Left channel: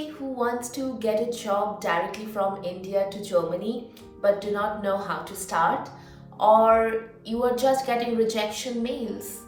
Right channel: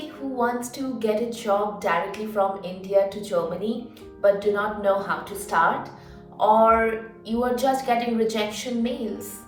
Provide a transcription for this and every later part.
Anybody who wants to get a job directly from India to Germany but do not know how to start, or you are just getting rejection mails?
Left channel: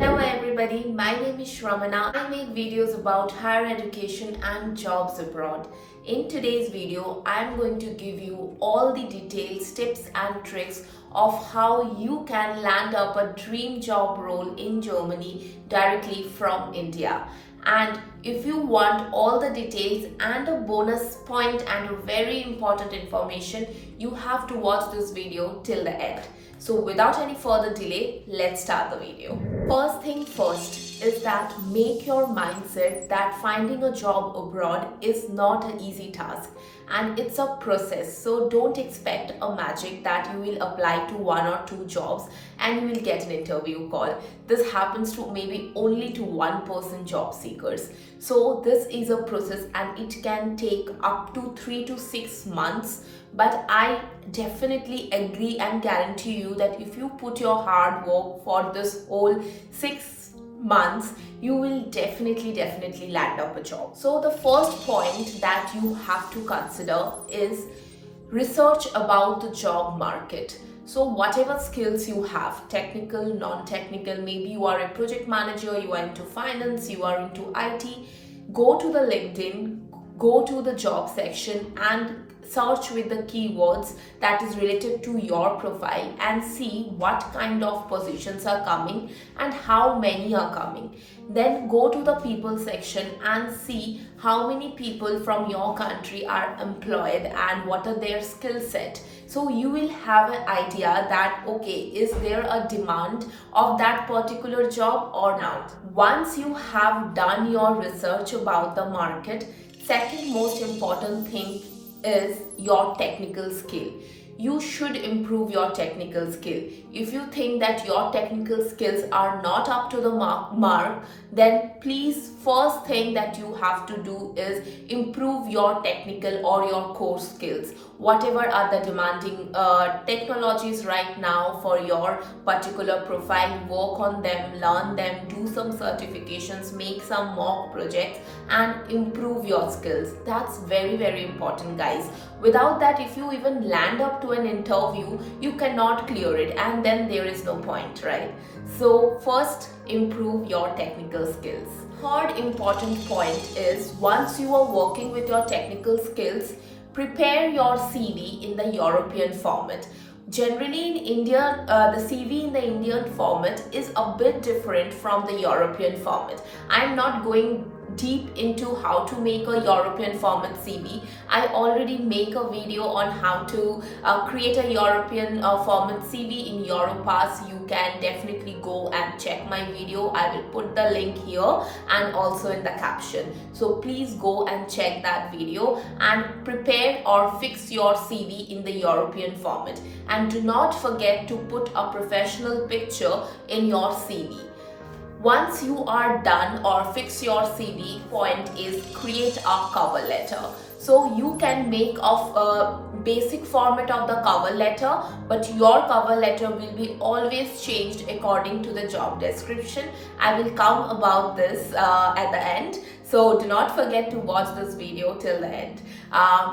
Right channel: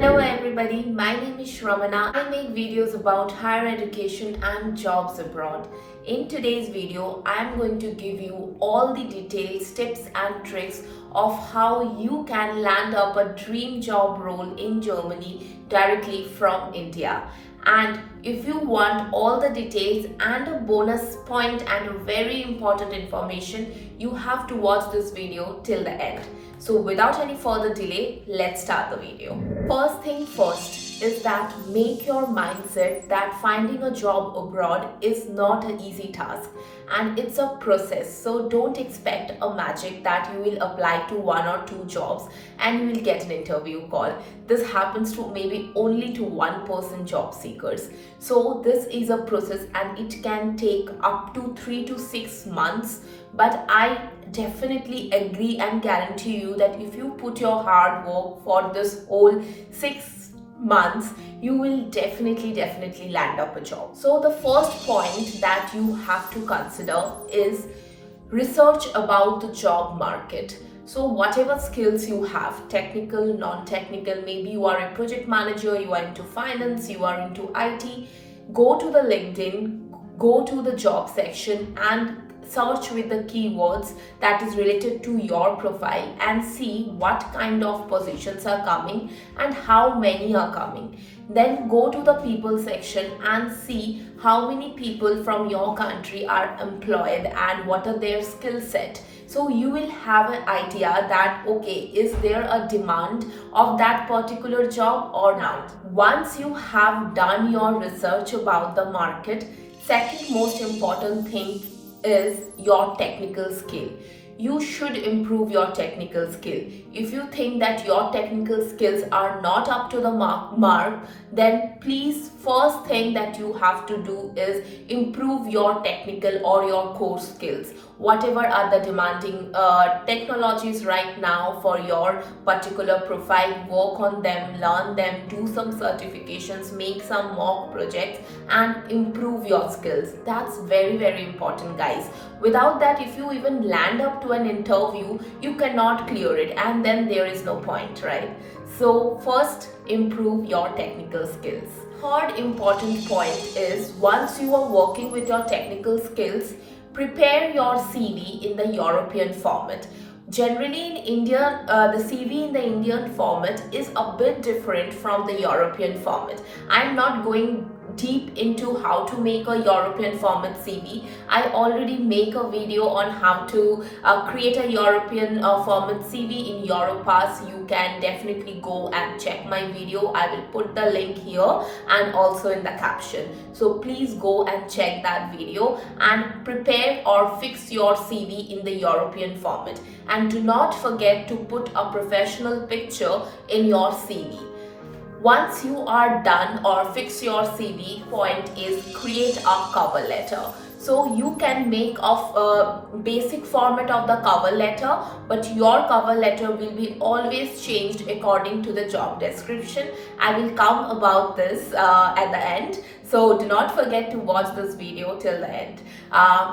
Hello everybody, my name is Shramana. I make videos about higher education and jobs abroad. In today's video, I am going to give you all the details, tips and tricks of how you can land up a dream job role in Germany directly from India. And if you want all the details and a bonus point and a very important information, you have to watch this video till the end. So without any further delay, let's start the video. First thing first is that make your mindset that finding a job abroad is not an easy task and it's a process. So don't expect a magic that you will apply to one or two jobs and you will get an interview call. This happens to maybe only to 1% job seekers. So this is a process and it can take up to 3 to 6 months. But I definitely agree and guarantee you that if you put your hard work for this whole 6 months, you will definitely land up a job. So the first point that you have to consider is research about the job market. So whatever skills you have, technical, non-technical, maybe you are a project manager, you are into finance, you are into IT, go to the LinkedIn, go to the job section and search with the keywords that is related to your profile and see what kind of positions are coming and how many are coming. Then go to the people section and see how many people from your country are employed and what are their skill set. So you will have an idea that okay, is there a demand of that particular job or not. Once you have done your research about the market, second most important thing is your technical skill. You should improve your technical skill. If you think that your technical skills are not up to the mark, then please first thing that you have to do is improve your technical or your core skills. Whatever are the demanding technologies right now for your particular profile, work on them, learn them, do some certifications, make some mock projects and improve your skills. That's very important, guys. Without that, if you even land up to an interview, you cannot clear it and then there is no point, right? So first, improve your technical skills. Third important point is once you are working with your technical skills, prepare your CV in the European format. Generally in India, the CV in the Indian format is a bit different from the European format. I'm not going deep into how to make a European format CV. I already make a video on how to create a European format CV in Europass. You can definitely go and check my video. I will put the link here and also in the caption. So please go and check that video and prepare or fix your CV in the European format. And do not forget to put a professional picture in your CV. Once you are done or fix your CV, point is create a cover letter. So you can make of a basic format of the cover letter, but your cover letter will be always changed according to the job description. I will come about this at the end. So do not forget to watch this video till the end.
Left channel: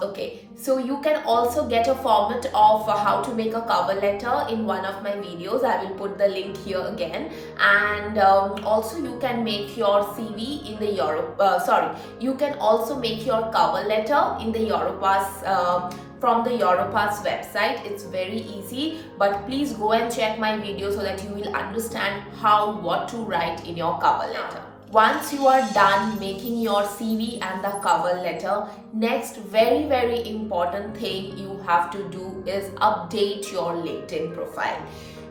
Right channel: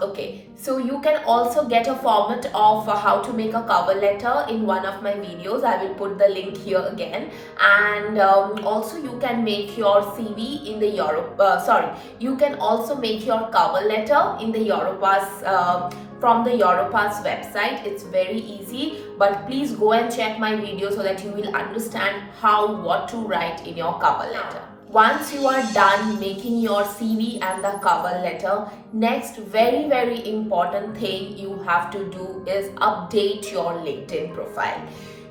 Okay, so you can also get a format of how to make a cover letter in one of my videos. I will put the link here again. And also you can make your CV in the you can also make your cover letter in the Europass from the Europass website. It's very easy, but please go and check my video so that you will understand what to write in your cover letter. Once you are done making your CV and the cover letter, next very important thing you have to do is update your LinkedIn profile.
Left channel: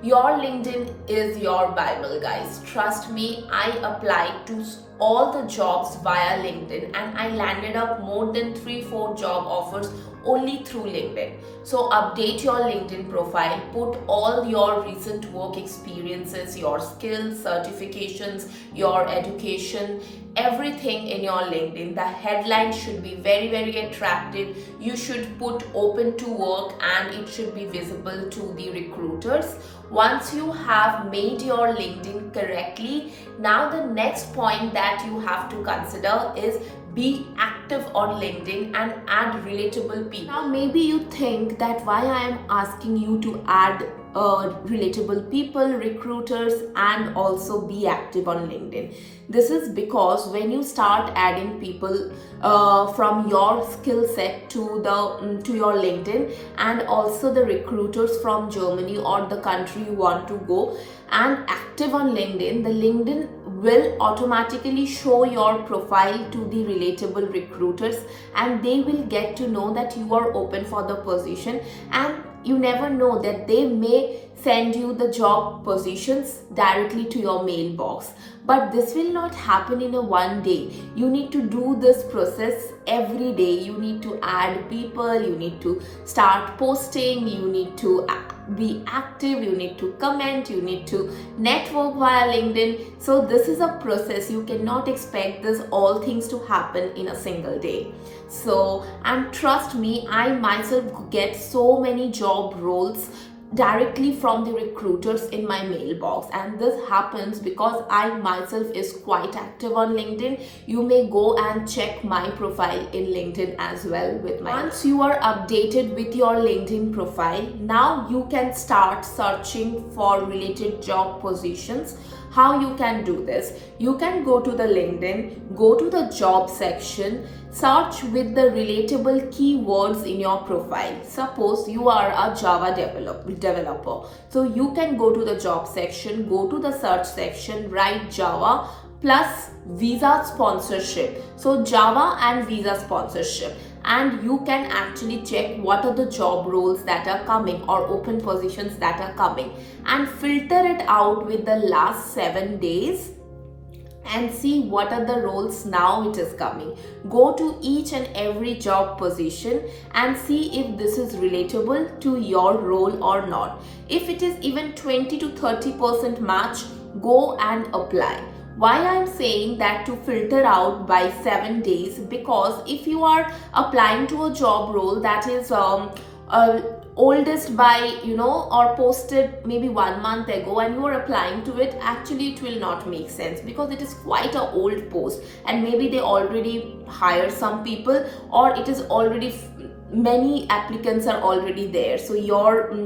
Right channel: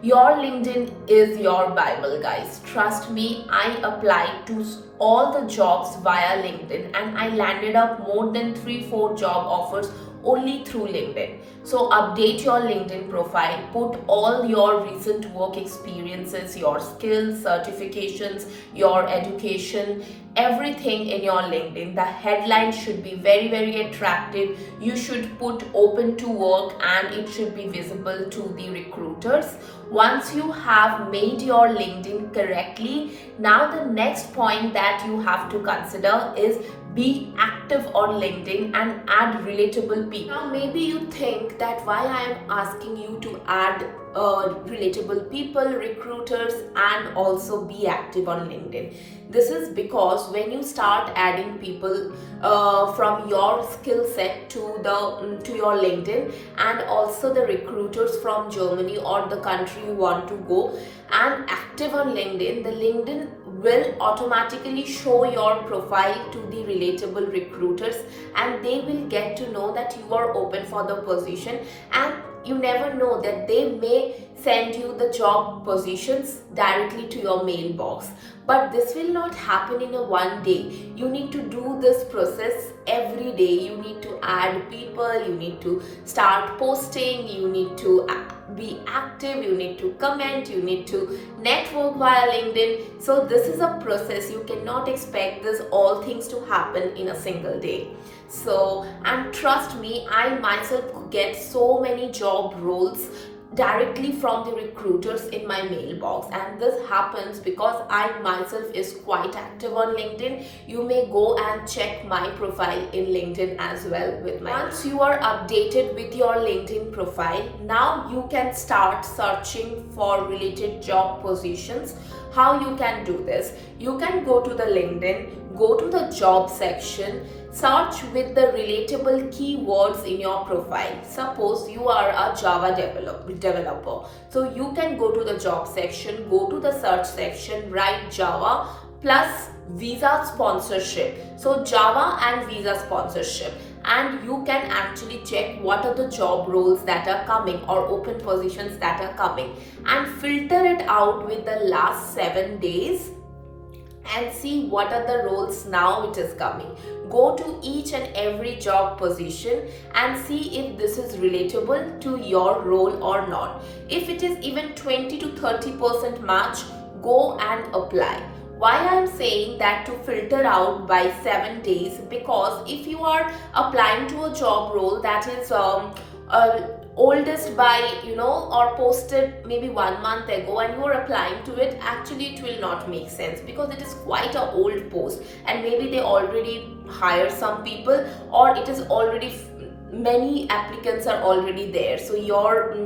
Your LinkedIn is your Bible, guys. Trust me, I applied to all the jobs via LinkedIn and I landed up more than 3-4 job offers only through LinkedIn. So update your LinkedIn profile, put all your recent work experiences, your skills, certifications, your education, everything in your LinkedIn. The headline should be very attractive. You should put open to work and it should be visible to the recruiters. Once you have made your LinkedIn correctly, now the next point that that you have to consider is be active on LinkedIn and add relatable people. Now, maybe you think that why I am asking you to add relatable people, recruiters, and also be active on LinkedIn. This is because when you start adding people from your skill set to your LinkedIn, and also the recruiters from Germany or the country you want to go, and active on LinkedIn, the LinkedIn will automatically show your profile to the relatable recruiters, and they will get to know that you are open for the position, and you never know that they may send you the job positions directly to your mailbox. But this will not happen in a one day. You need to do this process every day. You need to add people, you need to start posting, you need to be active, you need to comment, you need to network via LinkedIn. So this is a process. You cannot expect this all things to happen in a single day. So, and trust me, I myself get so many job roles directly from the recruiters in my mailbox, and this happens because I myself is quite active on LinkedIn. You may go and check my profile in LinkedIn as well with my. Once you are updated with your LinkedIn profile, now you can start searching for related job positions. How you can do this? You can go to the LinkedIn, go to the job section, search with the relatable keywords in your profile. Suppose you are a Java developer. So you can go to the job section, go to the search section, write Java plus visa sponsorship. So Java and visa sponsorship. And you can actually check what are the job roles that are coming or open positions that are coming, and filter it out with the last 7 days and see what are the roles now it is coming. Go to each and every job position and see if this is relatable to your role or not. If it is even 20 to 30% match, go and apply. Why I am saying that to filter out by 7 days? Because if you are applying to a job role that is oldest by or posted maybe 1 month ago, and you are applying to it, actually it will not make sense because it is quite an old post, and maybe they already hired some people, or it is already many applicants are already there, so your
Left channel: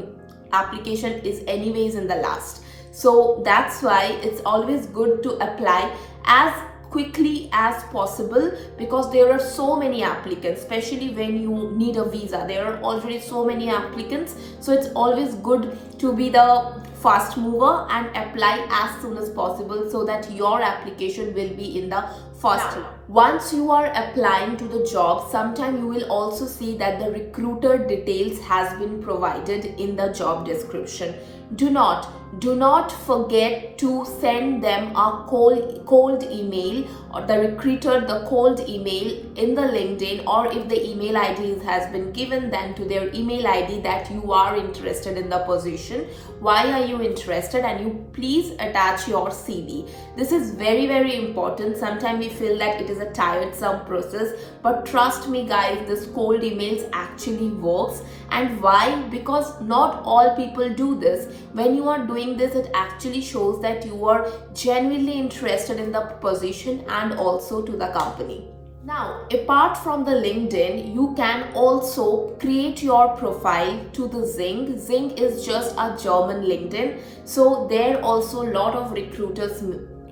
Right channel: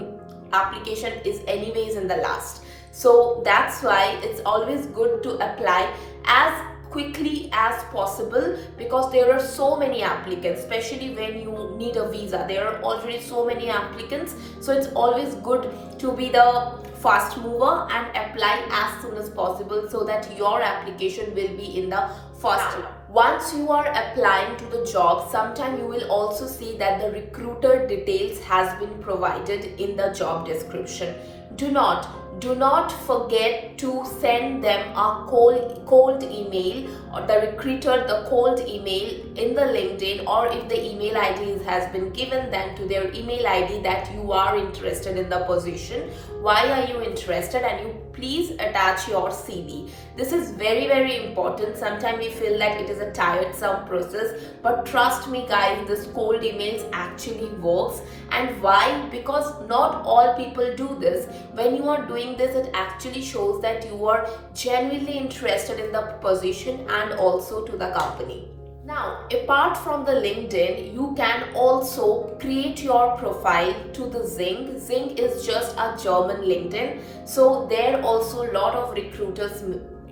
application is anyways in the last. So that's why it's always good to apply as quickly as possible, because there are so many applicants, especially when you need a visa. There are already so many applicants, so it's always good to be the fast mover and apply as soon as possible so that your application will be in the first. Once you are applying to the job, sometime you will also see that the recruiter details has been provided in the job description. Do not forget to send them a cold email, or the recruiter the cold email in the LinkedIn, or if the email ID has been given, then to their email ID that you are interested in the position. Why are you interested? And you please attach your CV. This is very, very important. Sometimes we feel that it is a tiresome process, but trust me guys, this cold emails actually works. And why? Because not all people do this. When you are doing this, it actually shows that you are genuinely interested in the position and also to the company. Now, apart from the LinkedIn, you can also create your profile to the Xing. Xing is just a German LinkedIn. So there also a lot of recruiters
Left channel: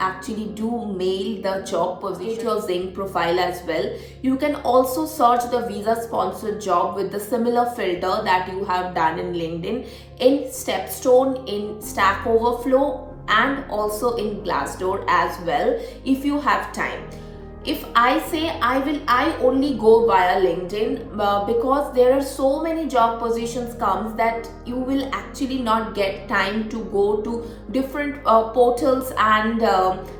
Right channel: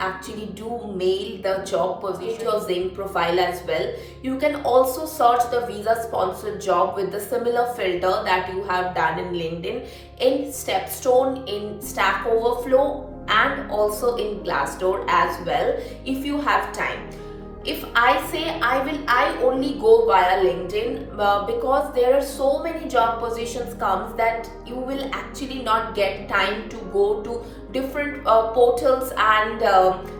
actually do mail the job position, your Xing profile as well. You can also search the visa sponsored job with the similar filter that you have done in LinkedIn, in Stepstone, in Stack Overflow, and also in Glassdoor as well if you have time. If I say I only go via LinkedIn because there are so many job positions comes that you will actually not get time to go to different portals and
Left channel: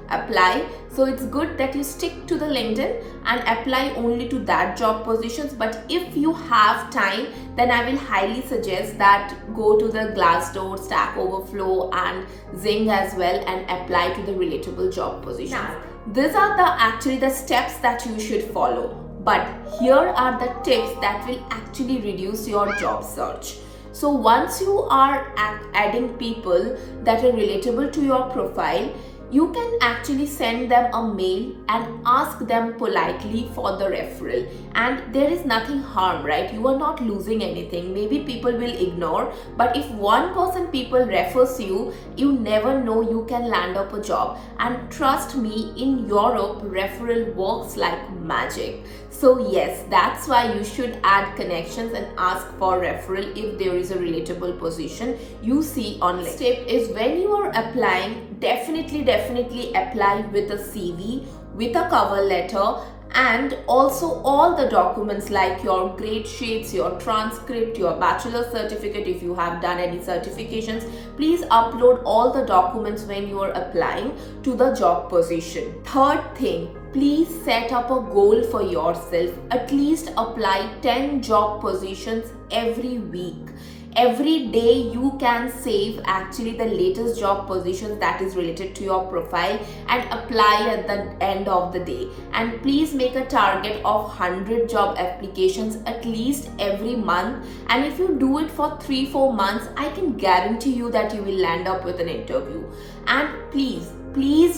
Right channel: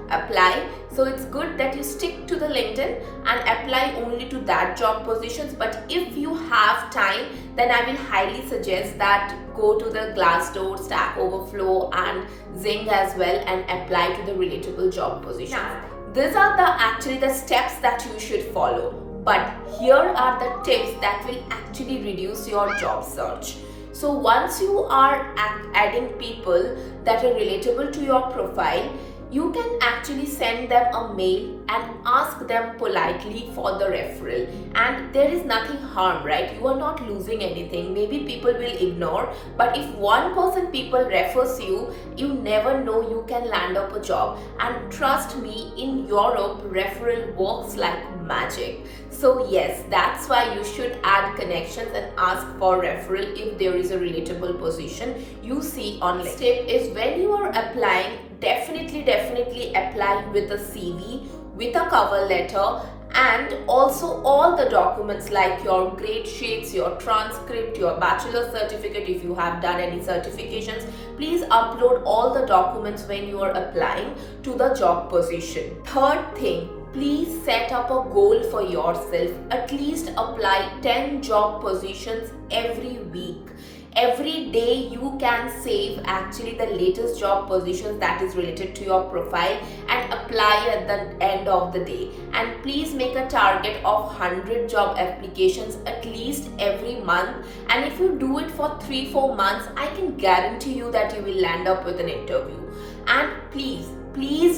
apply. So it's good that you stick to the LinkedIn and apply only to that job positions. But if you have time, then I will highly suggest that go to the Glassdoor, Stack Overflow, and Xing as well and apply to the relatable job positions. Now, these are actually the steps that you should follow. But here are the tips that will actually reduce your job search. So once you are adding people that are relatable to your profile, you can actually send them a mail and ask them politely for the referral, and there is nothing harm, right? You are not losing anything. Maybe people will ignore, but if one person people refers you, you never know, you can land up a job. And trust me, in Europe referral works like magic. So yes, that's why you should add connections and ask for referral if there is a relatable position you see on LinkedIn. Tip is, when you are applying, definitely apply with a CV, with a cover letter, and also all the documents like your grade sheets, your transcript, your bachelor certificate. If you have done any certifications, please upload all the documents when you are applying to the job position. Third thing, please set up a goal for yourself. At least apply 10 job positions every week. Every day you can save actually the latest job positions that is related to your profile and apply at the end of the day. And please make a target of 100 job applications at least every month. And if you do it for 3-4 months, I can guarantee you that you will land up with an interview. And please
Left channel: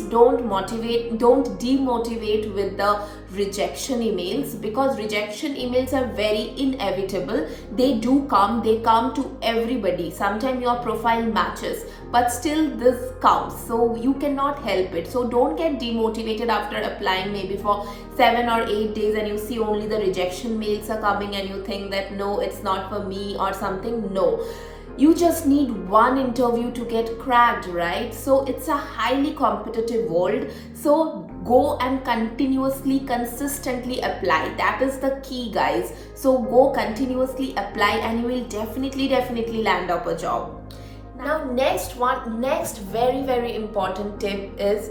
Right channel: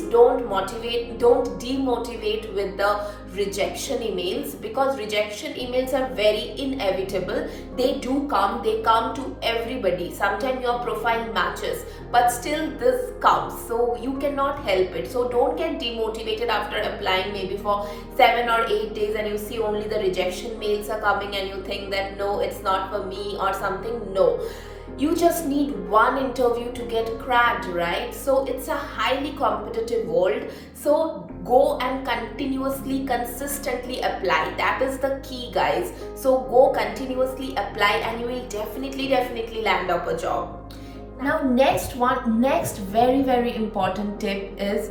don't demotivate with the rejection emails, because rejection emails are very inevitable. They come to everybody. Sometimes your profile matches, but still this comes, so you cannot help it. So don't get demotivated after applying maybe for 7 or 8 days and you see only the rejection mails are coming and you think that no, it's not for me or something. No, you just need one interview to get cracked, right? So it's a highly competitive world. So go and consistently apply. That is the key, guys. So go continuously apply and you will definitely land up a job. Now next very important tip is,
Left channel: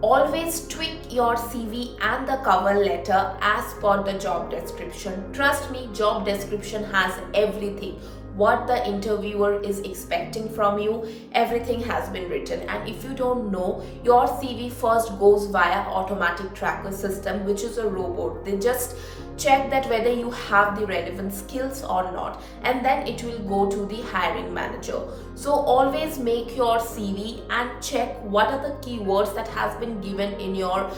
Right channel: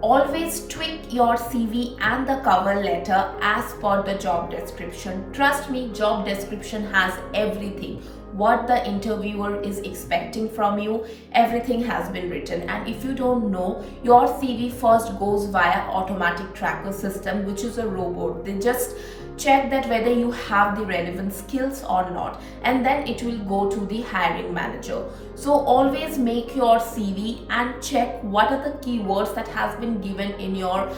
always tweak your CV and the cover letter as per the job description. Trust me, job description has everything. What the interviewer is expecting from you, everything has been written. And if you don't know, your CV first goes via automatic tracker system, which is a robot. They just check that whether you have the relevant skills or not, and then it will go to the hiring manager. So always make your CV and check what are the keywords that has been given in your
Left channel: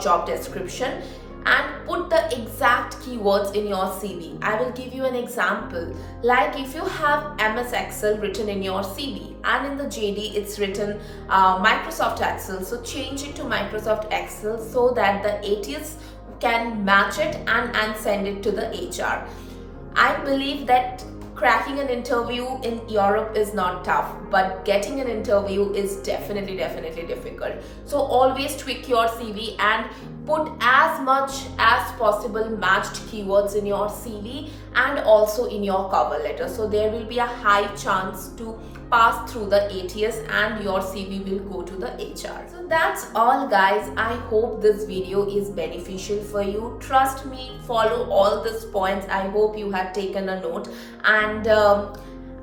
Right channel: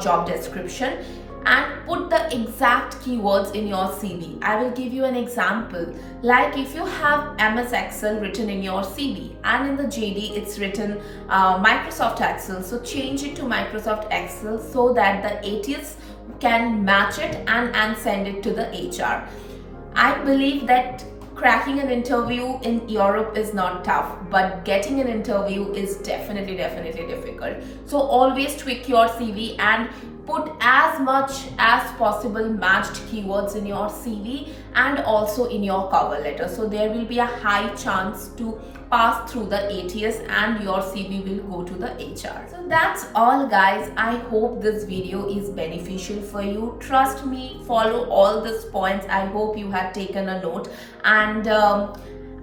job description, and put the exact keywords in your CV. I will give you an example. Like if you have MS Excel written in your CV and in the JD it's written Microsoft Excel, so change it to Microsoft Excel so that the ATS can match it and send it to the HR. I believe that cracking an interview in Europe is not tough, but getting an interview is definitely difficult. So always tweak your CV and put as much as possible matched keywords in your CV and also in your cover letter. So there will be a high chance to pass through the ATS and your CV will go to the HR. So that's all, guys. I hope this video is beneficial for you. Trust me, follow all these points. I hope you had taken a note, and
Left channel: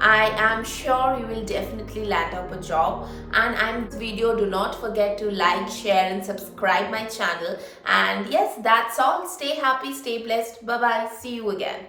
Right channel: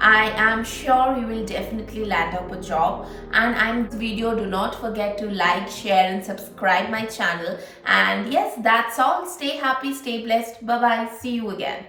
I am sure you will definitely land up a job. And this video, do not forget to like, share and subscribe my channel. And yes, that's all. Stay happy, stay blessed. Bye bye. See you again.